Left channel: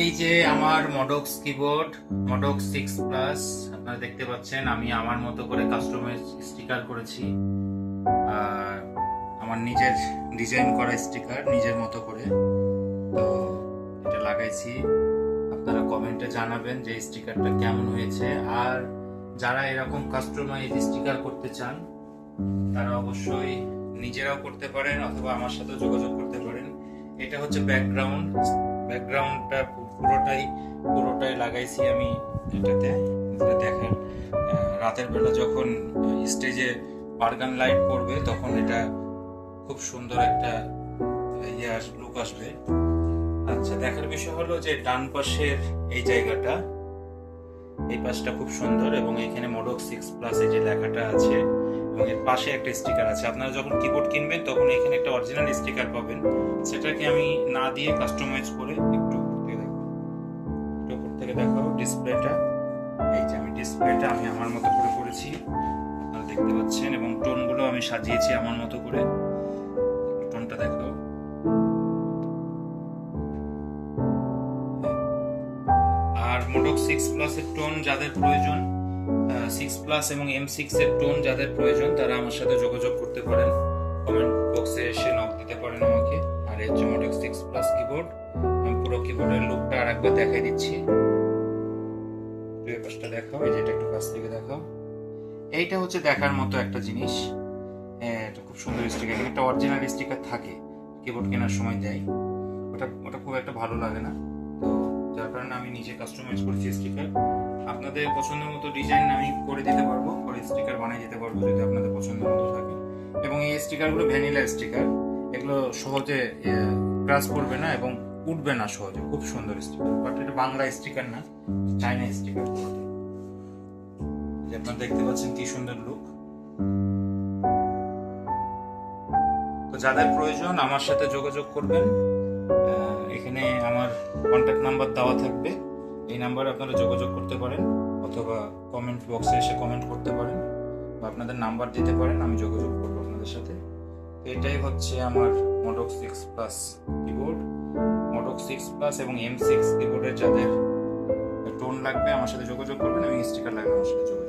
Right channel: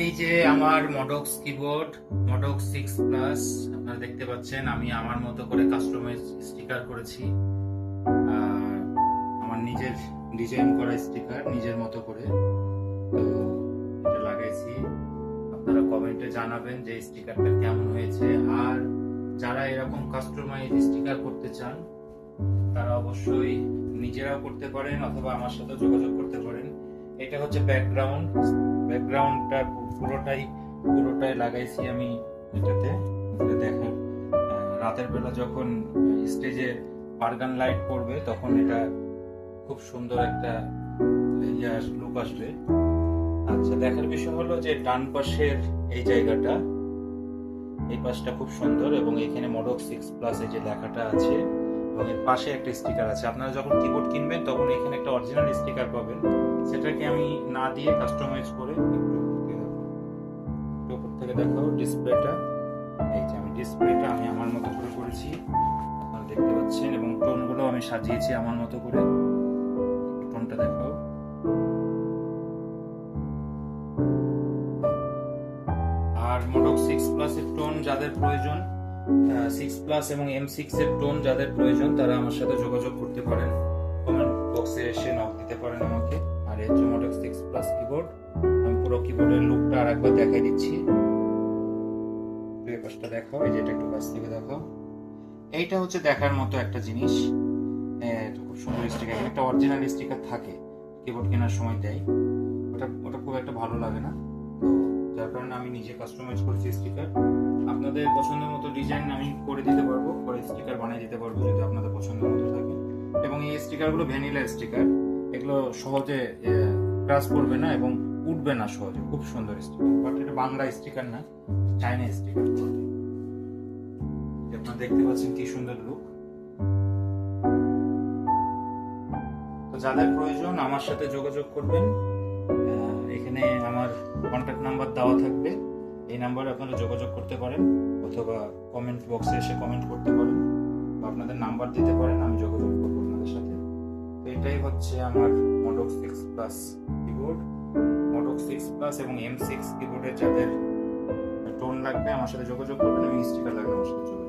এই যে আমার মডক্স কিবোর্ড মডক্স 6 প্লাস আপনারা দেখতে পাচ্ছেন। আমি আমার মতো করে কাস্টমাইজ স্টিকার করেছি। আর আমার নিজের ডিজাইন করা স্টিকার নিজের মতো করে, তো এটা লাগাইছি। আপনারা কমেন্টে জানাবেন যে স্টিকারটা কেমন হয়েছে। আর যারা এরকম কাস্টমাইজ স্টিকার করতে চান তারা অবশ্যই নিজেরাও করতে পারেন অথবা আমার সাথে যোগাযোগ করতে পারেন। এটা হচ্ছে ব্যাকগ্রাউন্ডটা পুরোটাই লাগাইছি আমি এটাতে। দেখেন রাতের বেলা যখন স্টেজে অর্গান লাইট পড়বে তখন এটা খুব সুন্দর একটা লুক আসবে। আচ্ছা, দেখার বিষয় হলো যে ডান পাশের এই জায়গাটা, এই পাশটা খুব সুন্দর এবং এখানে মডক্স 6 প্লাস এই যে লেখাটা আছে এবং এর পাশে একটা স্টিকার আছে। আপনারা যখন কিবোর্ড কিনবেন তখন এখানে একটা অরিজিনাল স্টিকার পাবেন, সেটাকে আমি না দিয়ে কাস্টমাইজ করে একটু উপর থেকে দেখাও ডিসপ্লেটা। এই যে আমি ডিসপ্লেটা আমি আমার মতো করে করেছি, আপনারা দেখতে পাচ্ছেন, এবং টোনগুলো আমি সাজিয়েছি আমার মতো করে। টোনটা দেখাও। আর মডক্স 6 প্লাস এর টোন যাদের প্রয়োজন, 6 প্লাস এবং M6 এর টোন যাদের প্রয়োজন তারা আমার সাথে যোগাযোগ করতে পারেন, কমেন্ট বক্সে এসে নক দিতে পারেন আমাকে। আর এই যে মডক্স 6 প্লাস কিবোর্ড, আমি পুরো কিবোর্ডের লুকটা আরেকবার দেখাই দিচ্ছি। দুই পাশটা দেখাও, এই যে এটা একটু কাছ থেকে দেখাও। এইটা হচ্ছে দেখার মতো একটা জিনিস। এটা খুব সুন্দর স্টিকার, একটা অরিজিনাল স্টিকার থাকে কিবোর্ড কেনার সময় দেয়, ওটা খুব একটা ভালো লাগে না, তো যার কারণে আমি নিজে কাস্টমাইজ করেছি স্টিকার। আপনাদের পছন্দ মতো ডিজাইন আমি করে দিতে পারবো, করে স্টিকার বানিয়ে দিতে পারবো যদি আপনাদের পছন্দ মতো থাকে। এবং এই স্টিকারগুলো ভ্যানিলা স্টিকার, এগুলো সহজে ক্রাশ করবে না এবং উঠবে না সহজে, খুব সুন্দর স্টিকার। বাট এটা বাংলা স্টিকার না, চাইনা স্টিকার। আপনারা দেখতে পাচ্ছেন কি সুন্দর লুক। তো যাদের প্রয়োজন আমার সাথে যোগাযোগ করবেন। এখানে আমার কন্ট্যাক্ট নাম্বার দেওয়া থাকবে, এই নাম্বারে আপনারা যোগাযোগ করতে পারেন অথবা কমেন্ট বক্সে এসে কমেন্ট করতে পারেন বা আপনাদের নাম্বার দিতে পারেন, আমি যোগাযোগ করবো আপনাদের সাথে। এটাই হচ্ছে আমার মডক্স 6 প্লাস কিবোর্ড। মডক্স 6 প্লাস এবং M6 কিবোর্ডের যাদের টোন লাগবে আমার সাথে যোগাযোগ করবেন এবং স্টিকার লাগবে আমার সাথে যোগাযোগ